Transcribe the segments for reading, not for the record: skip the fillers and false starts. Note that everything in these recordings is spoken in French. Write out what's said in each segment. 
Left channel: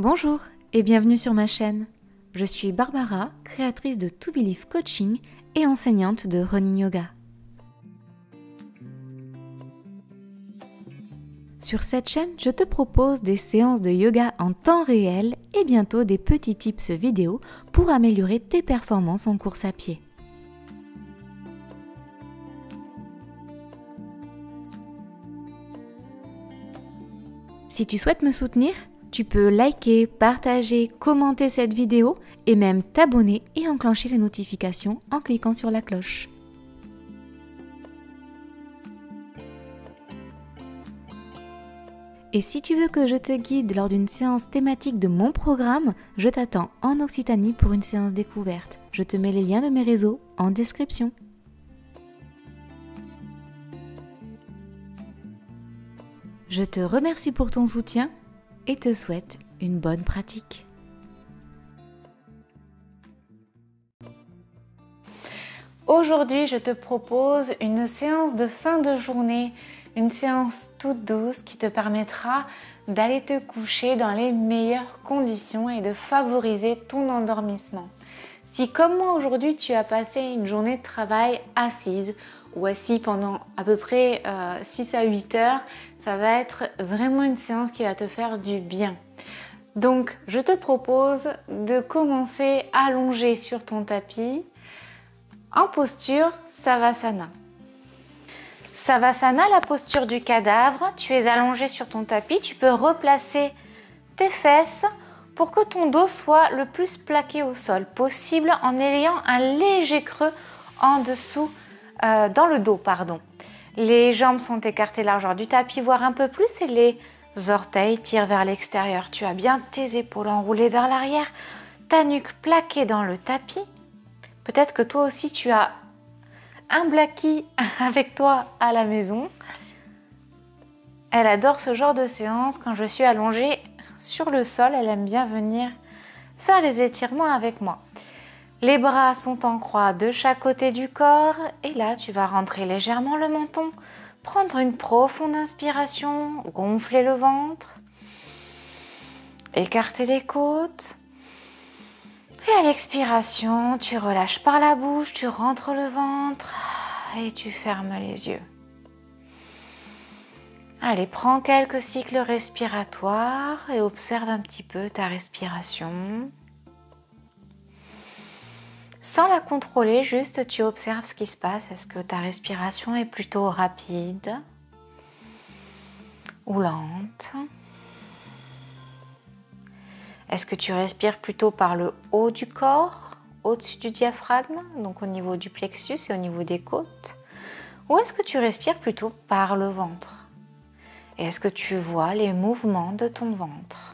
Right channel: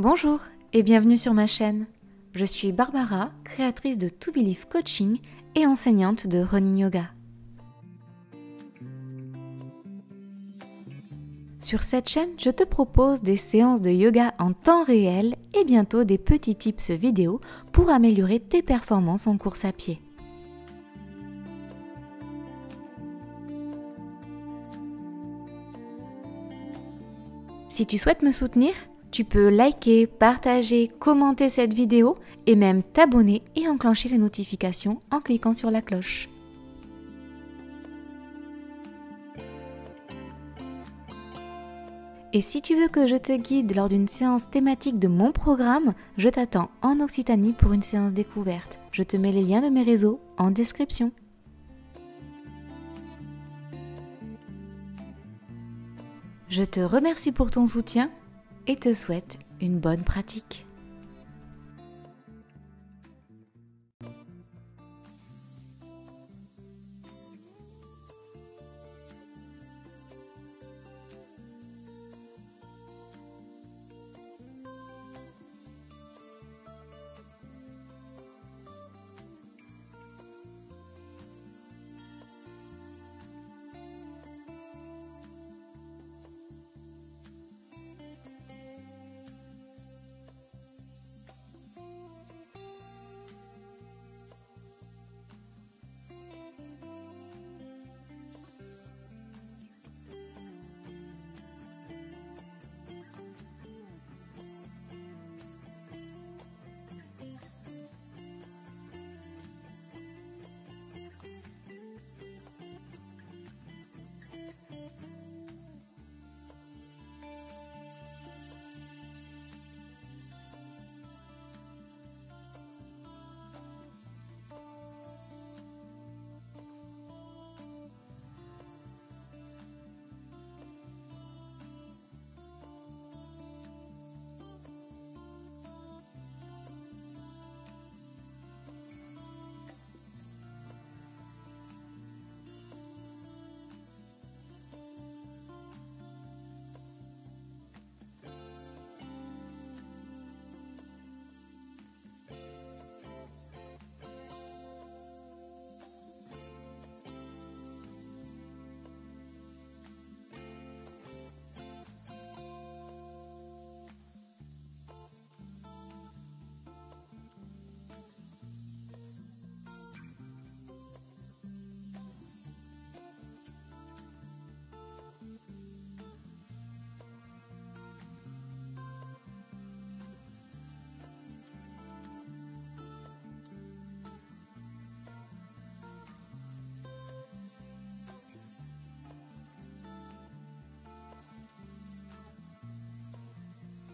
Bonjour et bienvenue sur ma chaîne. Je suis Barbara, créatrice de To Believe Coaching et enseignante de Running Yoga. Sur cette chaîne, je te propose des séances de yoga en temps réel et bientôt des petits tips vidéo pour améliorer tes performances en course à pied. Si tu souhaites me soutenir, tu peux liker, partager, commenter cette vidéo et même t'abonner et enclencher les notifications en cliquant sur la cloche. Et si tu veux que je te guide lors d'une séance thématique de mon programme, je t'attends en Occitanie pour une séance découverte. Je te mets les liens de mes réseaux en description. Je te remercie pour ton soutien et te souhaite une bonne pratique. Aujourd'hui, je te propose une séance de fin de journée, une séance toute douce qui te permettra d'aller te coucher dans les meilleures conditions et de favoriser ton endormissement. Si comme moi aujourd'hui, tu as passé une journée de travail assise ou assis pendant à peu près 6 à 8 heures, ça va être vraiment une séance qui va te faire du bien. Donc, je te propose de commencer allongé sur ton tapis en posture Savasana. Savasana, la posture du cadavre. Tu es allongé sur ton tapis, tu peux replacer tes fesses pour que ton dos soit le plus plaqué au sol possible en ayant un léger creux en dessous, dans le dos, pardon. Les jambes sont écartées largeur du tapis, voire un peu plus, et les orteils tirent vers l'extérieur. Tu as bien tes épaules enroulées vers l'arrière, ta nuque plaquée dans le tapis. Peut-être que toi aussi tu as un Blackie avec toi à la maison. Elle adore ce genre de séance. Quand je suis allongée sur le sol, elle aime bien venir faire les étirements avec moi. Les bras sont en croix de chaque côté du corps et là tu vas rentrer légèrement le menton, prendre une profonde inspiration, gonfler le ventre, écarter les côtes et à l'expiration tu relâches par la bouche, tu rentres le ventre et tu fermes les yeux. Allez, prends quelques cycles respiratoires et observe un petit peu ta respiration. Sans la contrôler, juste tu observes ce qui se passe. Est-ce que ta respiration est plutôt rapide ou lente? Est-ce que tu respires plutôt par le haut du corps, au-dessus du diaphragme, donc au niveau du plexus et au niveau des côtes? Ou est-ce que tu respires plutôt par le ventre? Et est-ce que tu vois les mouvements de ton ventre?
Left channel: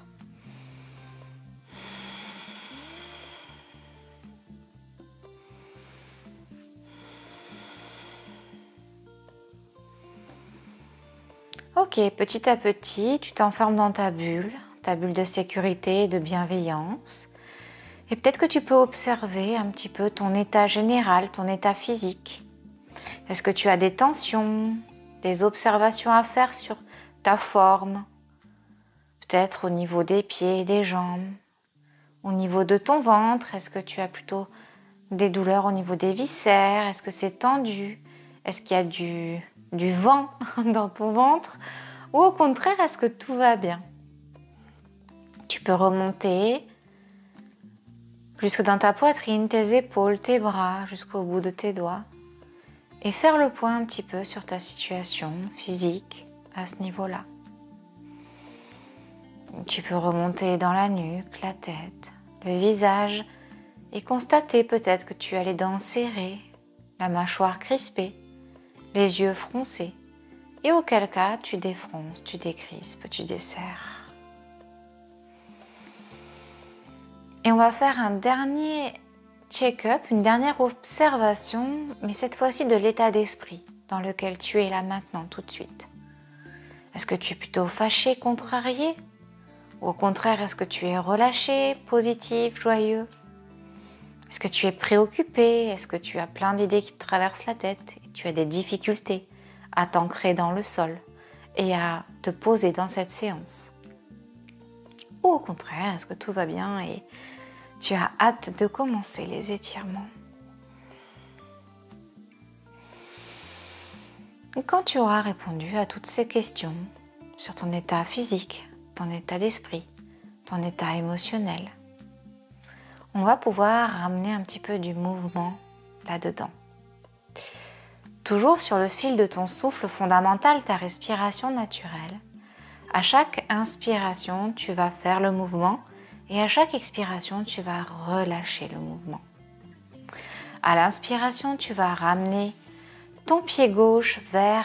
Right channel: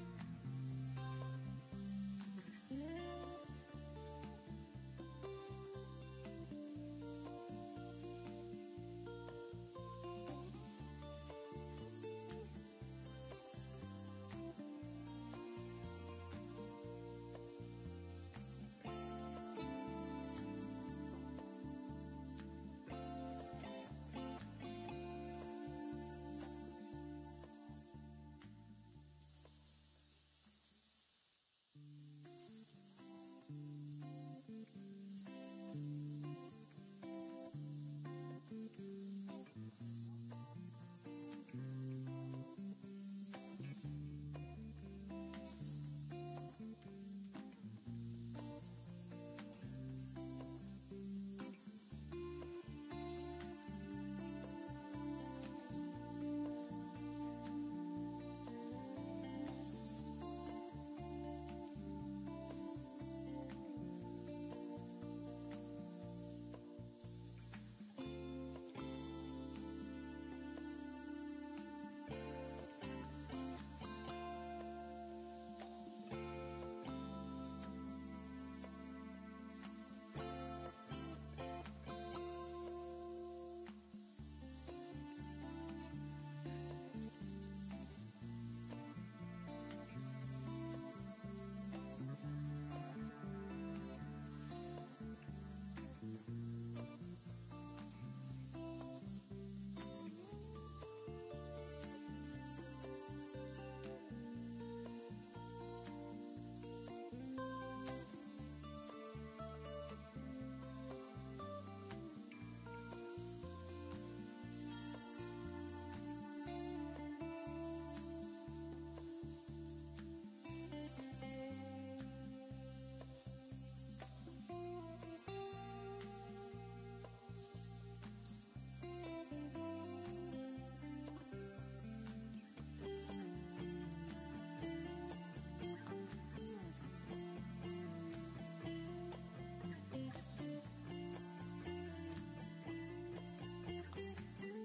Ok, petit à petit, tu t'enfermes dans ta bulle de sécurité et de bienveillance. Et peut-être que tu peux observer un petit peu ton état général, ton état physique. Est-ce que tu as des tensions, des observations à faire sur ta forme? Peut-être au niveau des pieds et des jambes. Au niveau de ton ventre, est-ce que tu as plutôt des douleurs au niveau des viscères? Est-ce que c'est tendu? Est-ce qu'il y a du vent dans ton ventre? Ou au contraire, est-ce que tout va bien? Tu peux remonter jusque dans ta poitrine, tes épaules, tes bras, jusqu'au bout de tes doigts et faire le point un petit peu sur ta situation physique à ce niveau-là. Tu peux remonter dans la nuque, la tête, le visage et constater peut-être que tu as les dents serrées, la mâchoire crispée, les yeux froncés. Et auquel cas, tu défronces, tu décrispes, tu desserres. Et on va faire un dernier check-up, une dernière observation, mais cette fois-ci de l'état d'esprit dans lequel tu es là maintenant, tout de suite. Est-ce que tu es plutôt fâché, contrarié? Ou au contraire, est-ce que tu es relâché, positif, joyeux? Est-ce que tu es préoccupé? Est-ce que tu as plein d'idées qui te traversent la tête et tu as des difficultés à t'ancrer dans le sol et à te poser dans cette séance? Ou au contraire, est-ce que tout va bien et tu as hâte de commencer les étirements? Quand tu auras répondu à toutes ces questions sur ton état physique, ton état d'esprit, ton état émotionnel, on va pouvoir ramener un petit peu du mouvement là-dedans. Toujours sur le fil de ton souffle fondamental, ta respiration naturelle. À chaque inspiration, tu vas faire le mouvement et à chaque expiration, tu vas relâcher le mouvement. À l'inspiration, tu vas ramener ton pied gauche vers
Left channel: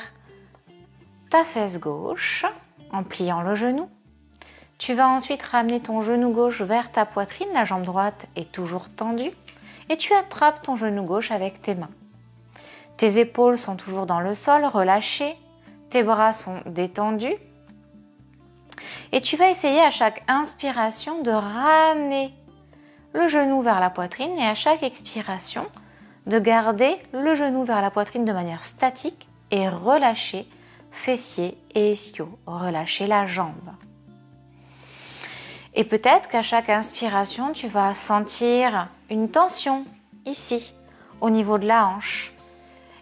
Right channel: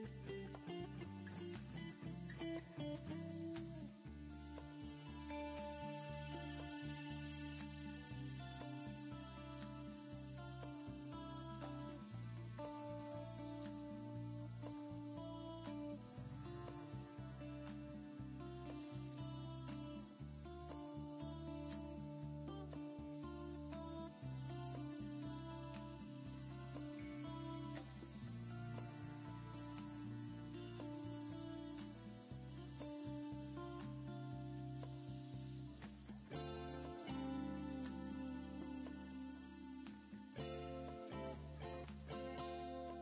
ta fesse gauche en pliant le genou. Tu vas ensuite ramener ton genou gauche vers ta poitrine, la jambe droite est toujours tendue et tu attrapes ton genou gauche avec tes mains. Tes épaules sont toujours dans le sol, relâchées, tes bras sont détendus et tu vas essayer à chaque inspiration de ramener le genou vers la poitrine et à chaque expiration de garder le genou vers la poitrine de manière statique et relâcher fessiers et ischio, relâcher la jambe. Et peut-être qu'à chaque inspiration, tu vas sentir une tension ici, au niveau de la hanche.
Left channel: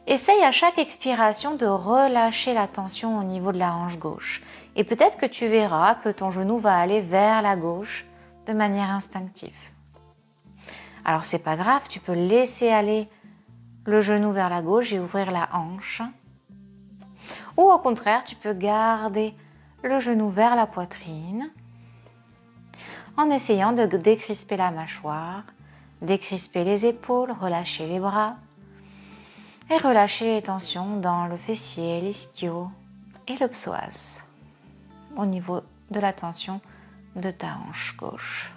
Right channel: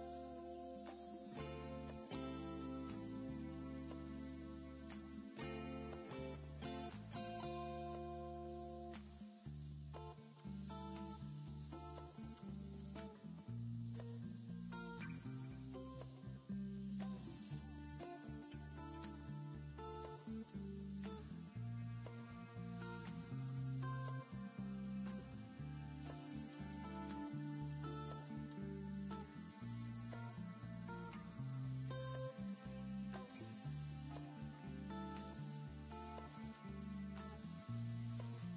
Essaye à chaque expiration de relâcher la tension au niveau de la hanche gauche. Et peut-être que tu verras que ton genou va aller vers la gauche de manière instinctive. Alors c'est pas grave, tu peux laisser aller le genou vers la gauche et ouvrir la hanche. Ou au contraire, tu peux garder le genou vers la poitrine en essayant de décrisper la mâchoire, décrisper les épaules, relâcher les bras et relâcher les tensions dans le fessier, l'ischio et le psoas au niveau de la tension de ta hanche gauche.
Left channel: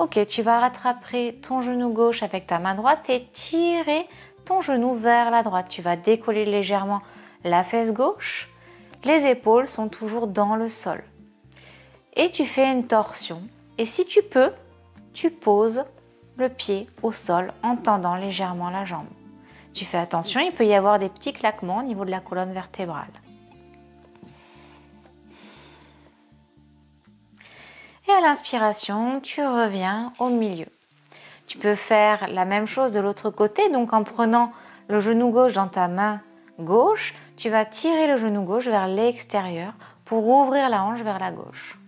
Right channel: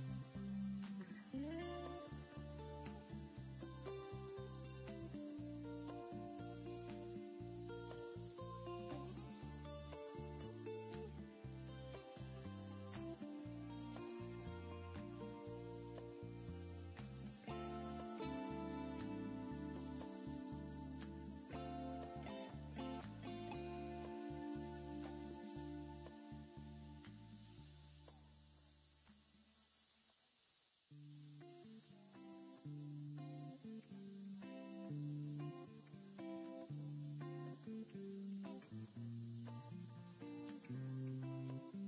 Ok, tu vas rattraper ton genou gauche avec ta main droite et tirer ton genou vers la droite. Tu vas décoller légèrement la fesse gauche. Les épaules sont toujours dans le sol. Et tu fais une torsion. Et si tu peux, tu poses le pied au sol en tendant légèrement la jambe. Tu fais attention, il peut y avoir des petits claquements au niveau de la colonne vertébrale. Et à l'inspiration, tu reviens au milieu. Tu peux faire la même chose de l'autre côté, donc en prenant le genou gauche dans ta main gauche, tu vas tirer le genou gauche vers l'extérieur pour ouvrir la hanche vers la gauche.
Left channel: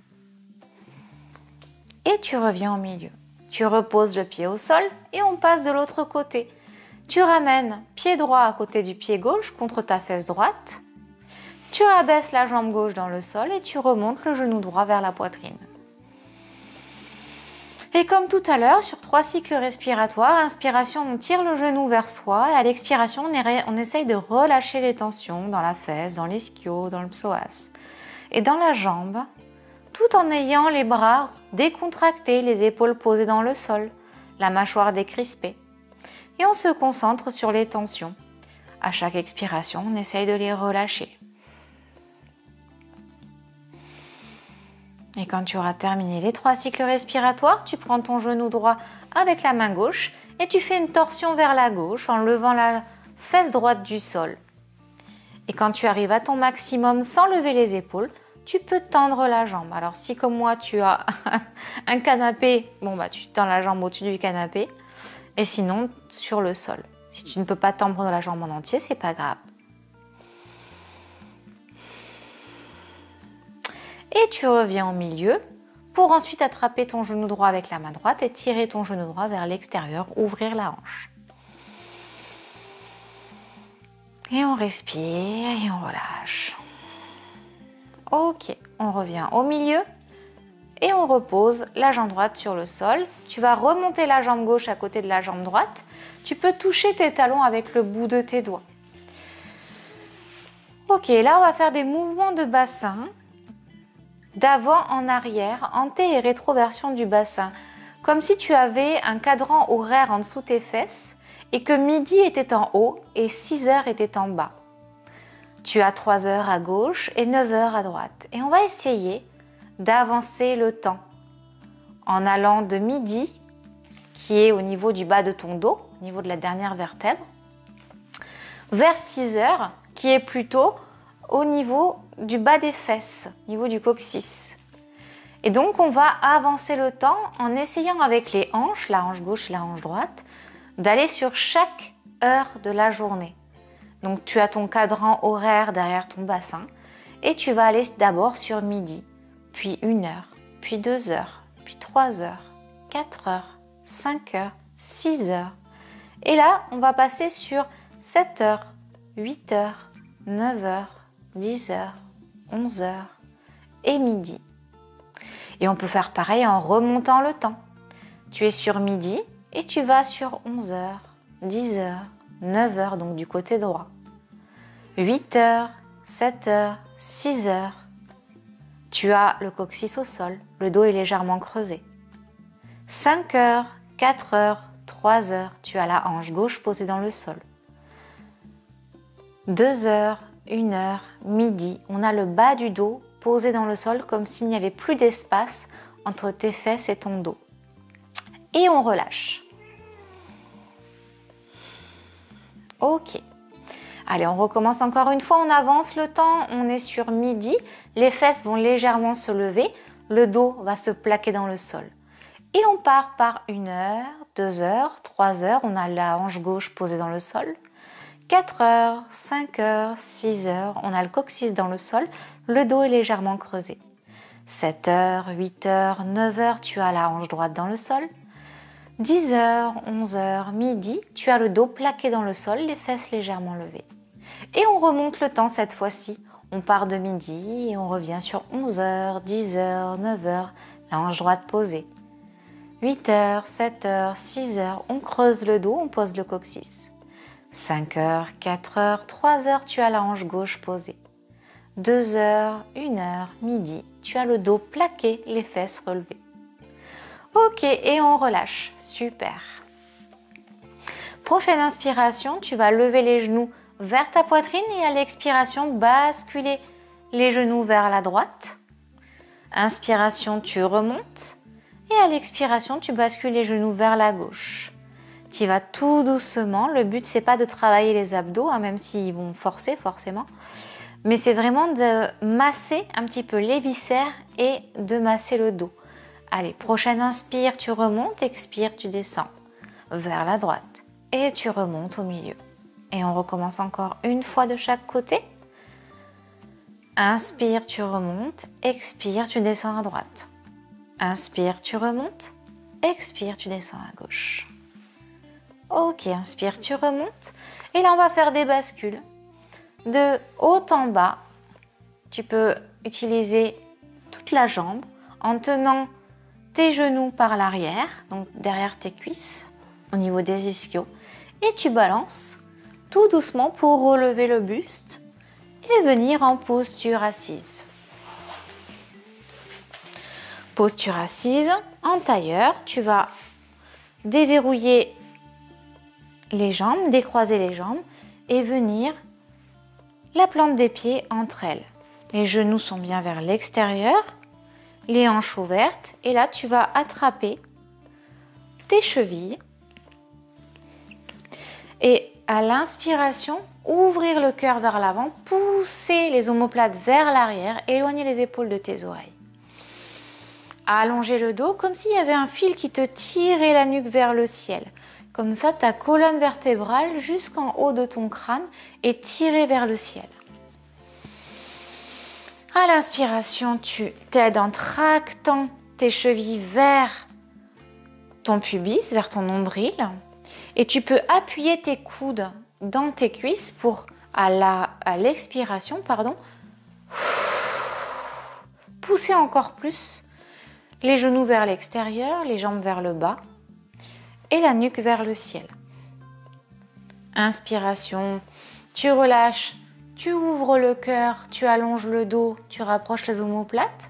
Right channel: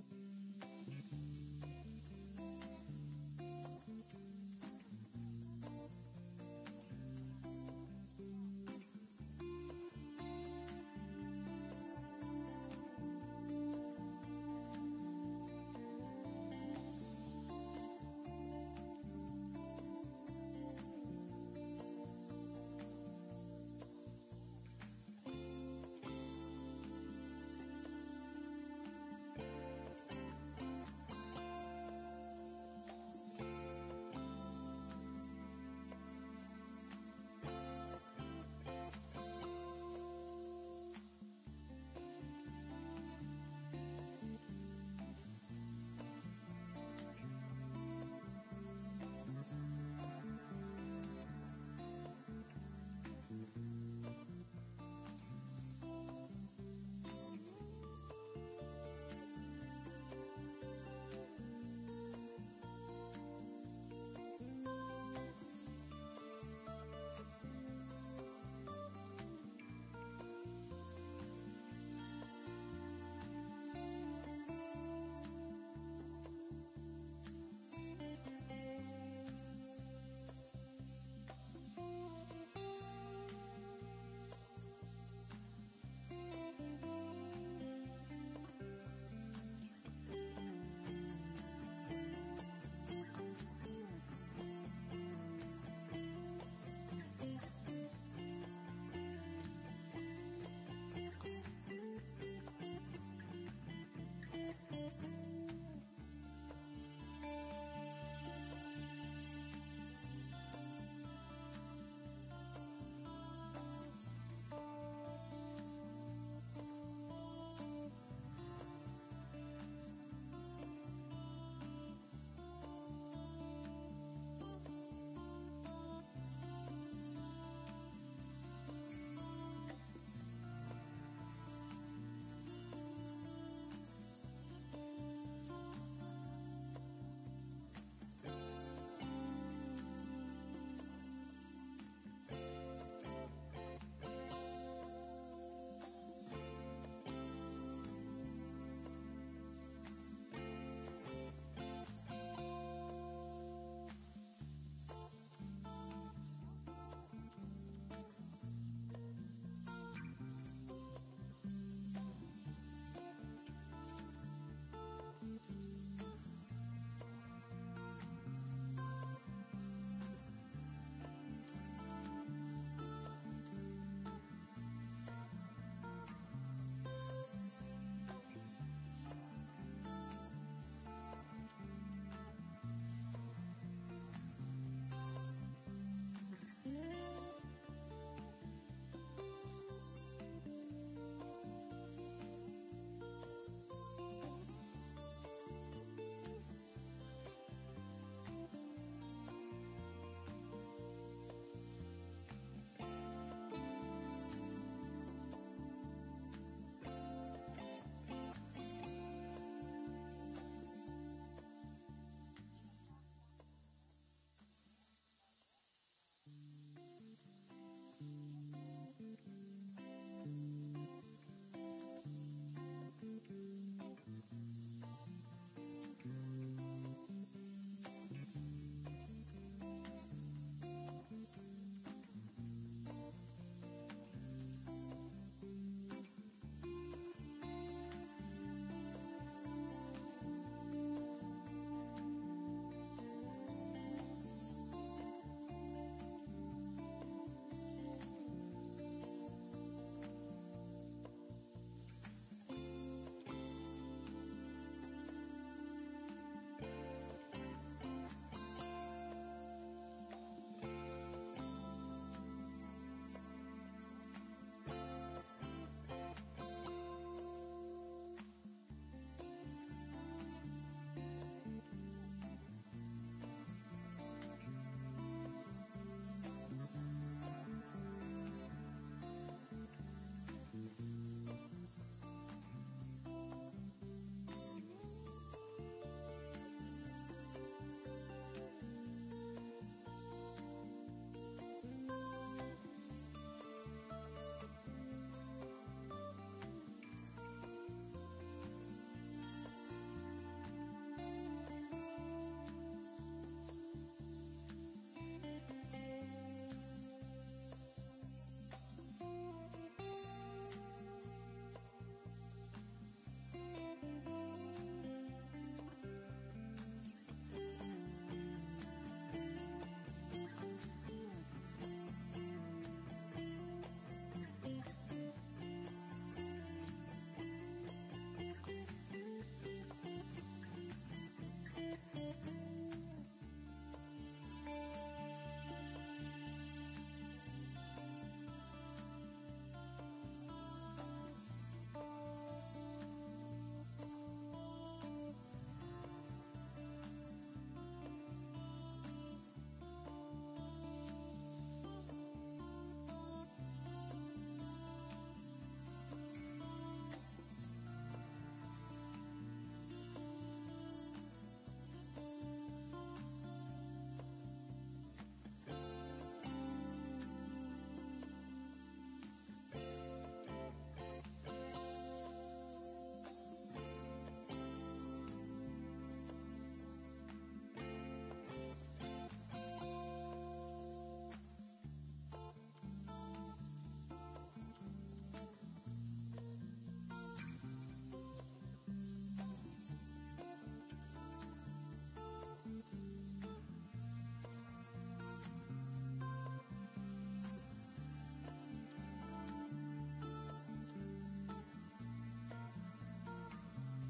Et tu reviens au milieu. Tu reposes le pied au sol et on passe de l'autre côté. Tu ramènes pied droit à côté du pied gauche contre ta fesse droite. Tu rabaisses la jambe gauche dans le sol et tu remontes le genou droit vers la poitrine. Et comme tout à l'heure, sur 3 cycles respiratoires, inspiration, on tire le genou vers soi et à l'expiration, on essaye de relâcher les tensions dans la fesse, dans l'ischio, dans le psoas et dans la jambe, tout en ayant les bras décontractés, les épaules posées dans le sol, la mâchoire décrispée. Et on se concentre sur les tensions. À chaque expiration, on essaye de les relâcher. Et quand tu auras terminé les 3 cycles respiratoires, tu prends ton genou droit avec la main gauche et tu fais une torsion vers la gauche en levant la fesse droite du sol. Et quand tu arrives à ton maximum sans lever les épaules, tu peux tendre la jambe. Alors si comme moi tu as un canapé, bon bah tu tends la jambe au-dessus du canapé et sinon sur le sol. Si tu ne peux pas tendre la jambe en entier, c'est pas grave. Et tu reviens au milieu pour ensuite attraper ton genou droit avec la main droite et tirer ton genou droit vers l'extérieur, ouvrir la hanche. Et on respire et on relâche. Ok, on revient au milieu et on repose la jambe droite sur le sol. Tu vas remonter la jambe gauche à côté de la jambe droite. Tu peux toucher tes talons avec le bout de tes doigts. Ok, là on va faire des mouvements de bassin. D'avant en arrière, anté et rétroversion du bassin, comme si tu avais un cadran horaire en dessous tes fesses et que midi était en haut et 6 heures était en bas. Tu as 3 heures à gauche et 9 heures à droite. Et on va essayer d'avancer le temps en allant de midi, qui est au niveau du bas de ton dos, au niveau de la dernière vertèbre, vers 6 heures, qui est plutôt au niveau du bas des fesses, au niveau du coccyx. Et donc, on va avancer le temps en essayant avec les hanches, la hanche gauche et la hanche droite, d'aller sur chaque heure de la journée. Donc, tu as ton cadran horaire derrière ton bassin et tu vas aller d'abord sur midi, puis 1 heure, puis 2 heures, puis 3 heures, 4 heures, 5 heures, 6 heures. Et là, on va passer sur 7 heures, 8 heures, 9 heures, 10 heures, 11 heures et midi. Et on peut faire pareil en remontant le temps. Tu es sur midi et tu vas sur 11 heures, 10 heures, 9 heures, donc du côté droit. 8 heures, 7 heures, 6 heures. Tu as le coccyx au sol, le dos est légèrement creusé. 5 heures, 4 heures, 3 heures, tu as la hanche gauche posée dans le sol. 2 heures, 1 heure, midi, on a le bas du dos posé dans le sol comme s'il n'y avait plus d'espace entre tes fesses et ton dos. Et on relâche. Ok. Allez, on recommence encore une fois, on avance le temps, on est sur midi, les fesses vont légèrement se lever, le dos va se plaquer dans le sol. Et on part par 1 heure, 2 heures, 3 heures, on a la hanche gauche posée dans le sol. 4 heures, 5 heures, 6 heures, on a le coccyx dans le sol, le dos est légèrement creusé. 7 heures, 8 heures, 9 heures, tu as la hanche droite dans le sol. 10 heures, 11 heures, midi, tu as le dos plaqué dans le sol, les fesses légèrement levées. Et on remonte le temps cette fois-ci. On part de midi et on revient sur 11 heures, 10 heures, 9 heures, la hanche droite posée. 8 heures, 7 heures, 6 heures, on creuse le dos, on pose le coccyx. 5 heures, 4 heures, 3 heures, tu as la hanche gauche posée. 2 heures, 1 heure, midi, tu as le dos plaqué, les fesses relevées. Ok, et on relâche. Super. Prochaine inspiration, tu vas lever les genoux vers ta poitrine et à l'expiration, basculer les genoux vers la droite. Inspiration, tu remontes. Et à l'expiration, tu bascules les genoux vers la gauche. Tu vas tout doucement. Le but, c'est pas de travailler les abdos, hein, même s'ils vont forcer forcément. Mais c'est vraiment de masser un petit peu les viscères et de masser le dos. Allez, prochaine inspire, tu remontes, expire, tu descends vers la droite. Et tu remontes au milieu. Et on recommence encore une fois de chaque côté. Inspire, tu remontes, expire, tu descends à droite. Inspire, tu remontes, expire, tu descends à gauche. Ok, inspire, tu remontes. Et là, on va faire des bascules. De haut en bas, tu peux utiliser toute la jambe en tenant tes genoux par l'arrière, donc derrière tes cuisses, au niveau des ischios. Et tu balances tout doucement pour relever le buste et venir en posture assise. Posture assise, en tailleur, tu vas déverrouiller les jambes, décroiser les jambes et venir la plante des pieds entre elles. Les genoux sont bien vers l'extérieur, les hanches ouvertes et là tu vas attraper tes chevilles et à l'inspiration, ouvrir le cœur vers l'avant, pousser les omoplates vers l'arrière, éloigner les épaules de tes oreilles. Allonger le dos comme s'il y avait un fil qui te tirait la nuque vers le ciel. Comme ça, ta colonne vertébrale jusqu'en haut de ton crâne est tirée vers le ciel. À l'inspiration, tu t'aides en tractant tes chevilles vers ton pubis, vers ton nombril. Et tu peux appuyer tes coudes dans tes cuisses pour, à l'expiration, pousser encore plus les genoux vers l'extérieur, les jambes vers le bas et la nuque vers le ciel. Inspiration, tu relâches, tu ouvres le cœur, tu allonges le dos, tu rapproches les omoplates.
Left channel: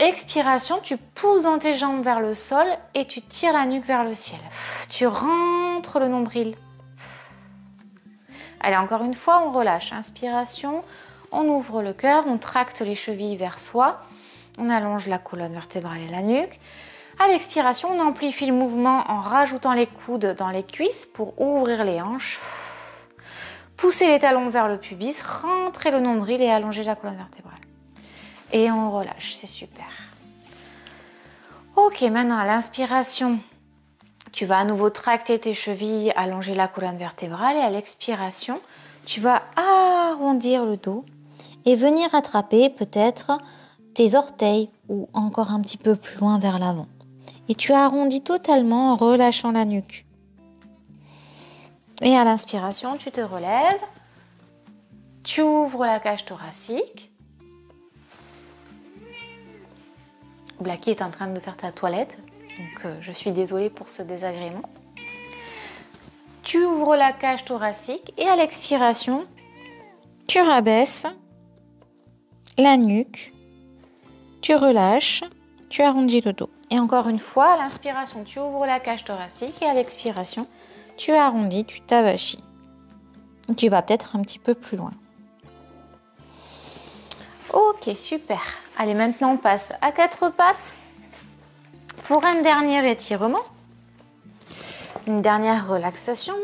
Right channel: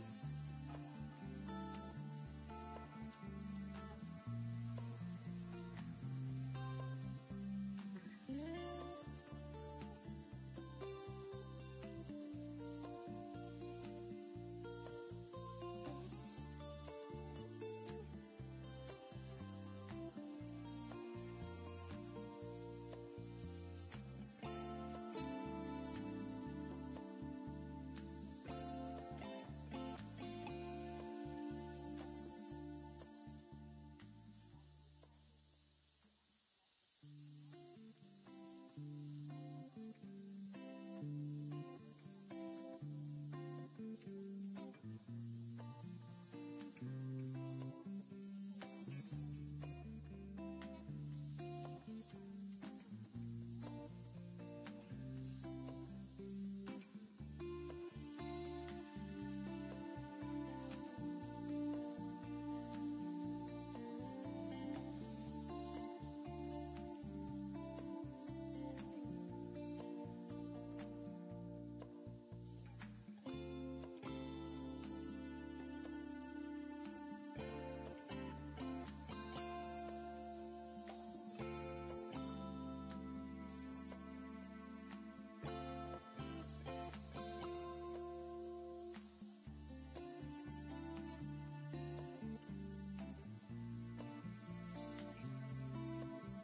Expiration, tu pousses dans tes jambes vers le sol et tu tires la nuque vers le ciel. Tu rentres le nombril. Allez, encore une fois, on relâche. Inspiration, on ouvre le cœur, on tracte les chevilles vers soi, on allonge la colonne vertébrale et la nuque. À l'expiration, on amplifie le mouvement en rajoutant les coudes dans les cuisses pour ouvrir les hanches. Pousser les talons vers le pubis, rentrer le nombril et allonger la colonne vertébrale. et on relâche, c'est super. Ok, maintenant à l'inspiration, tu vas à nouveau tracter tes chevilles, allonger la colonne vertébrale et à l'expiration, tu vas arrondir le dos et venir attraper peut-être tes orteils ou encore un petit peu plus loin vers l'avant. Et tu arrondis totalement en relâchant la nuque. Et à l'inspiration, tu te relèves, tu ouvres la cage thoracique. Blacky est en train de faire ta toilette, donc je suis désolée pour ce désagrément. Tu ouvres la cage thoracique et à l'expiration, tu rabaisses la nuque, tu relâches, tu arrondis le dos. Et encore une fois, à l'inspiration, tu ouvres la cage thoracique et à l'expiration, tu arrondis, tu t'avachis. Tu vas peut-être un petit peu plus loin. Ok, super. Allez, maintenant on passe à quatre pattes pour un dernier étirement. Une dernière relaxation.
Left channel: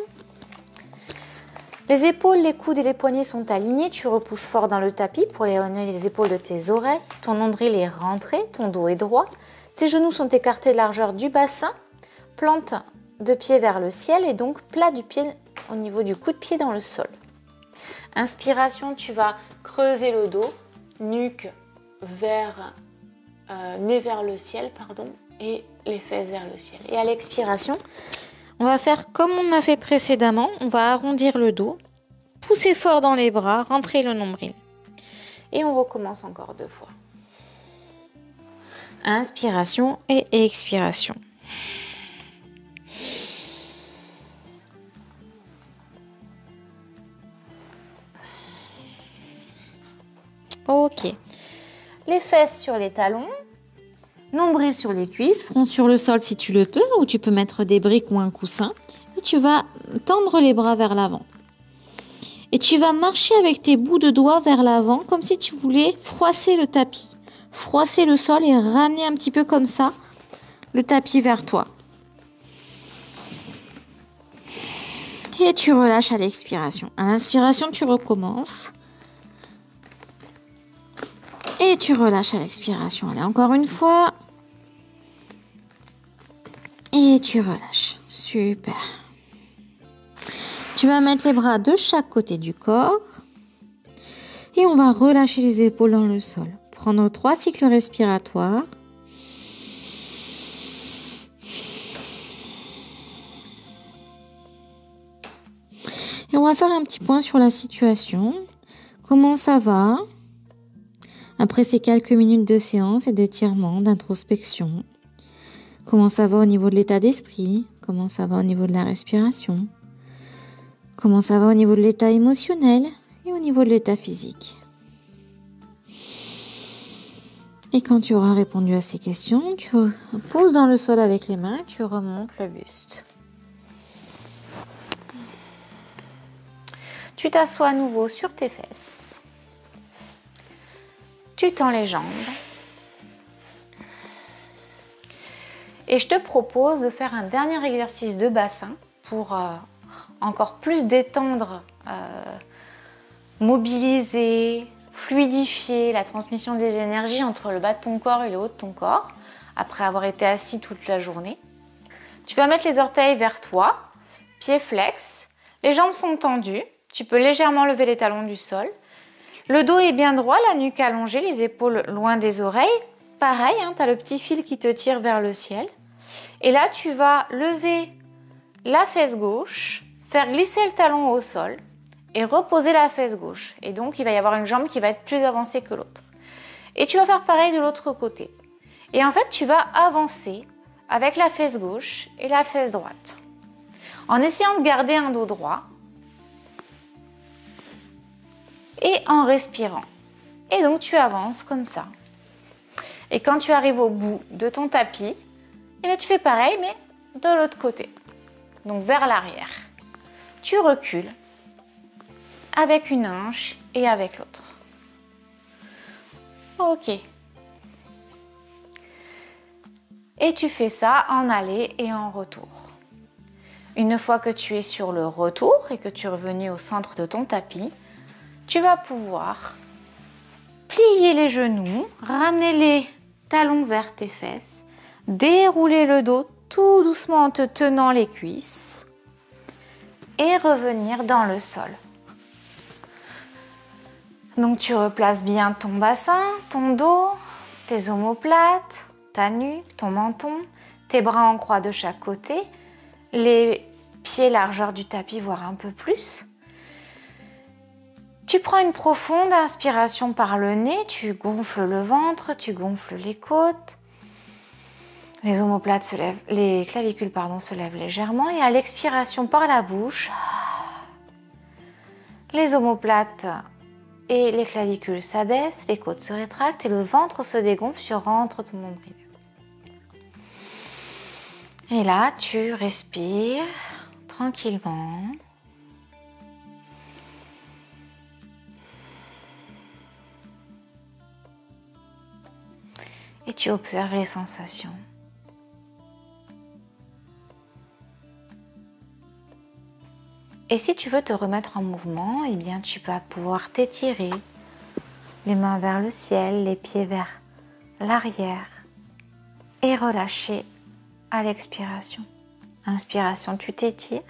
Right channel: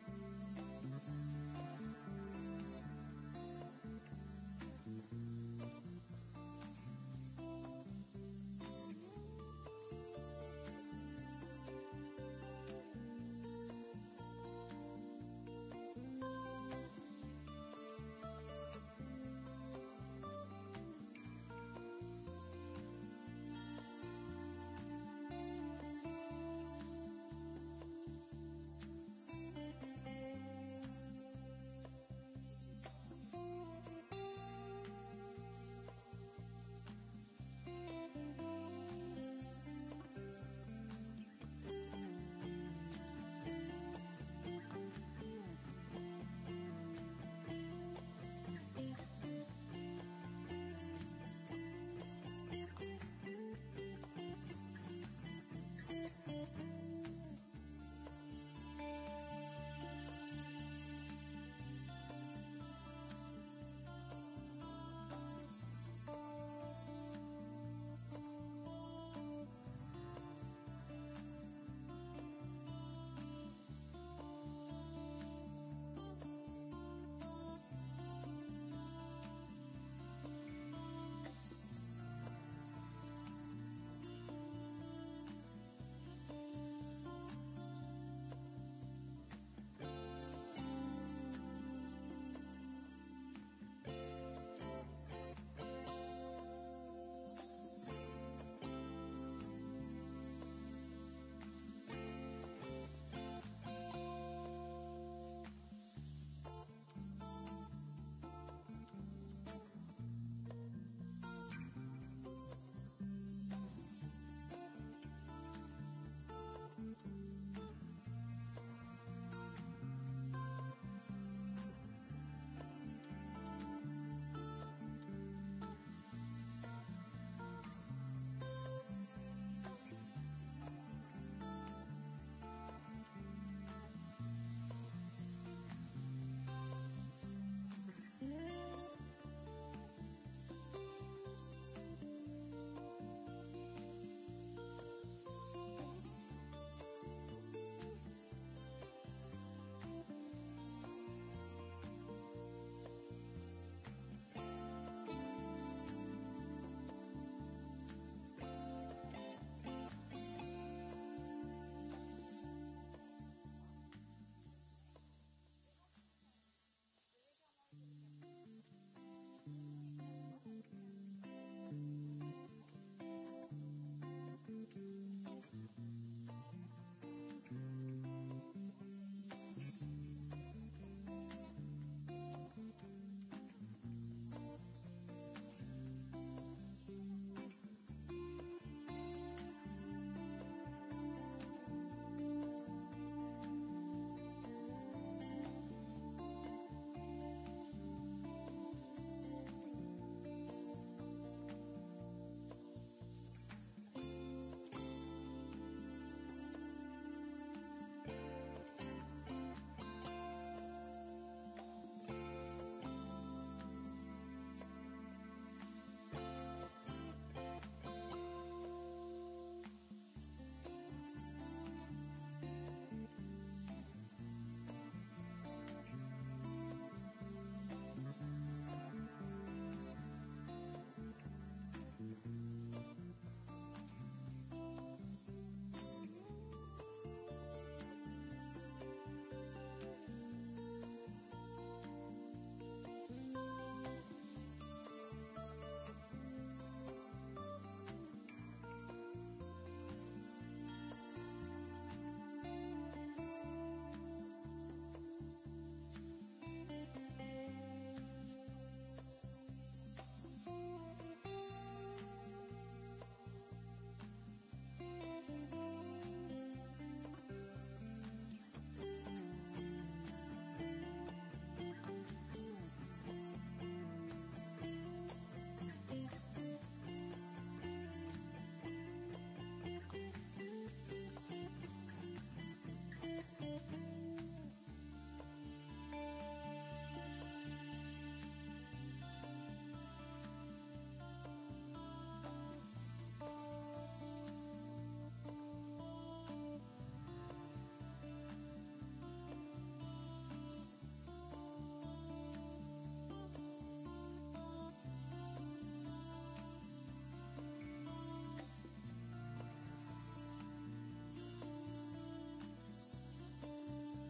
Les épaules, les coudes et les poignets sont alignés. Tu repousses fort dans le tapis pour éloigner les épaules de tes oreilles. Ton nombril est rentré, ton dos est droit. Tes genoux sont écartés de largeur du bassin. Plante de pied vers le ciel et donc plat du pied au niveau du coup de pied dans le sol. Inspiration, tu vas creuser le dos, nuque vers, nez vers le ciel, pardon, et les fesses vers le ciel. Et à l'expiration, on va faire comme on a fait précédemment, on va arrondir le dos, pousser fort dans les bras, rentrer le nombril. Et on recommence encore deux fois. Inspiration et expiration. Ok. Les fesses sur les talons, nombril sur les cuisses, front sur le sol si tu le peux, ou tu peux mettre des briques ou un coussin. Et tu vas tendre les bras vers l'avant. Et tu vas marcher avec tes bouts de doigts vers l'avant, comme si tu voulais froisser le tapis. Froisser le sol et ramener un petit peu comme ça le tapis vers toi. Et tu relâches à l'expiration. À l'inspiration, tu recommences. Et tu relâches à l'expiration. Allez, encore une fois. Et tu relâches. Super. Tu vas mettre les bras de chaque côté du corps. Et on va relâcher les épaules dans le sol. Prendre 3 cycles respiratoires. Et on va faire un petit point sur la situation. Comment ça va après ces quelques minutes de séance et d'étirement, d'introspection? Comment ça va au niveau de l'état d'esprit? Comment ça va au niveau de la respiration? Comment ça va au niveau de l'état émotionnel et au niveau de l'état physique? Et quand tu auras répondu à ces questions, tu poses dans le sol avec les mains, tu remontes le buste. Tu t'assois à nouveau sur tes fesses. Tu tends les jambes. Et je te propose de faire un dernier exercice de bassin pour encore plus détendre, mobiliser, fluidifier la transmission des énergies entre le bas de ton corps et le haut de ton corps, après avoir été assis toute la journée. Tu vas mettre les orteils vers toi, pieds flex, les jambes sont tendues, tu peux légèrement lever les talons du sol. Le dos est bien droit, la nuque allongée, les épaules loin des oreilles. Pareil, hein, tu as le petit fil qui te tire vers le ciel. Et là, tu vas lever la fesse gauche, faire glisser le talon au sol et reposer la fesse gauche. Et donc, il va y avoir une jambe qui va être plus avancée que l'autre. Et tu vas faire pareil de l'autre côté. Et en fait, tu vas avancer avec la fesse gauche et la fesse droite. En essayant de garder un dos droit et en respirant. Et donc, tu avances comme ça. Et quand tu arrives au bout de ton tapis, et bien tu fais pareil, mais de l'autre côté. Donc, vers l'arrière. Tu recules avec une hanche et avec l'autre. Ok. Et tu fais ça en aller et en retour. Une fois que tu es sur le retour et que tu es revenu au centre de ton tapis, tu vas pouvoir plier les genoux, ramener les talons vers tes fesses, dérouler le dos tout doucement en te tenant les cuisses et revenir dans le sol. Donc tu replaces bien ton bassin, ton dos, tes omoplates, ta nuque, ton menton, tes bras en croix de chaque côté, les pieds largeur du tapis, voire un peu plus. Tu prends une profonde inspiration par le nez, tu gonfles le ventre, tu gonfles les côtes. Les omoplates se lèvent, les clavicules se lèvent légèrement et à l'expiration par la bouche, les omoplates et les clavicules s'abaissent, les côtes se rétractent et le ventre se dégonfle, tu rentres ton nombril. Et là, tu respires tranquillement. Et tu observes les sensations. Et si tu veux te remettre en mouvement, eh bien tu vas pouvoir t'étirer, les mains vers le ciel, les pieds vers l'arrière et relâcher à l'expiration. Inspiration, tu t'étires,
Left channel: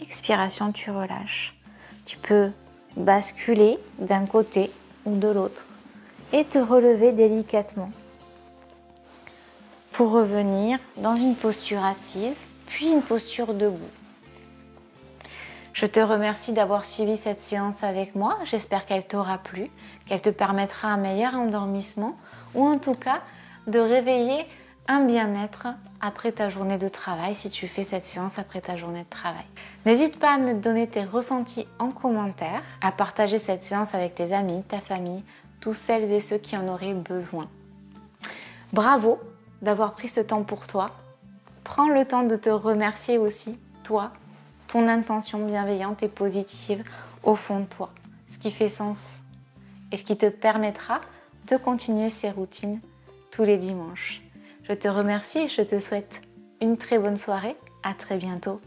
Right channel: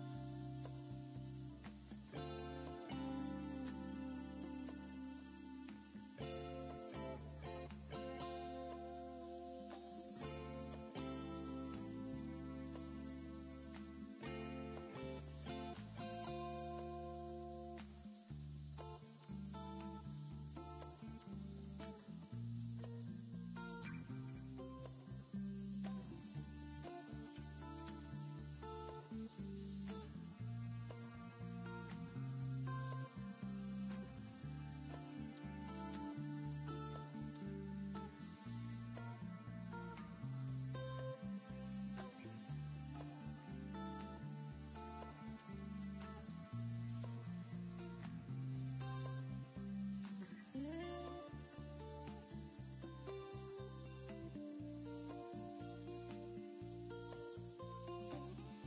expiration, tu relâches. Tu peux basculer d'un côté ou de l'autre et te relever délicatement pour revenir dans une posture assise, puis une posture debout. Je te remercie d'avoir suivi cette séance avec moi. J'espère qu'elle t'aura plu, qu'elle te permettra un meilleur endormissement ou en tout cas de réveiller un bien-être après ta journée de travail si tu fais cette séance après ta journée de travail. N'hésite pas à me donner tes ressentis en commentaire, à partager cette séance avec tes amis, ta famille, tous celles et ceux qui en auraient besoin. Bravo d'avoir pris ce temps pour toi. Prends le temps de te remercier aussi, toi, ton intention bienveillante et positive au fond de toi, ce qui fait sens et ce qui te permettra de continuer ces routines tous les dimanches. Je te remercie et je te souhaite une très bonne soirée. À très bientôt.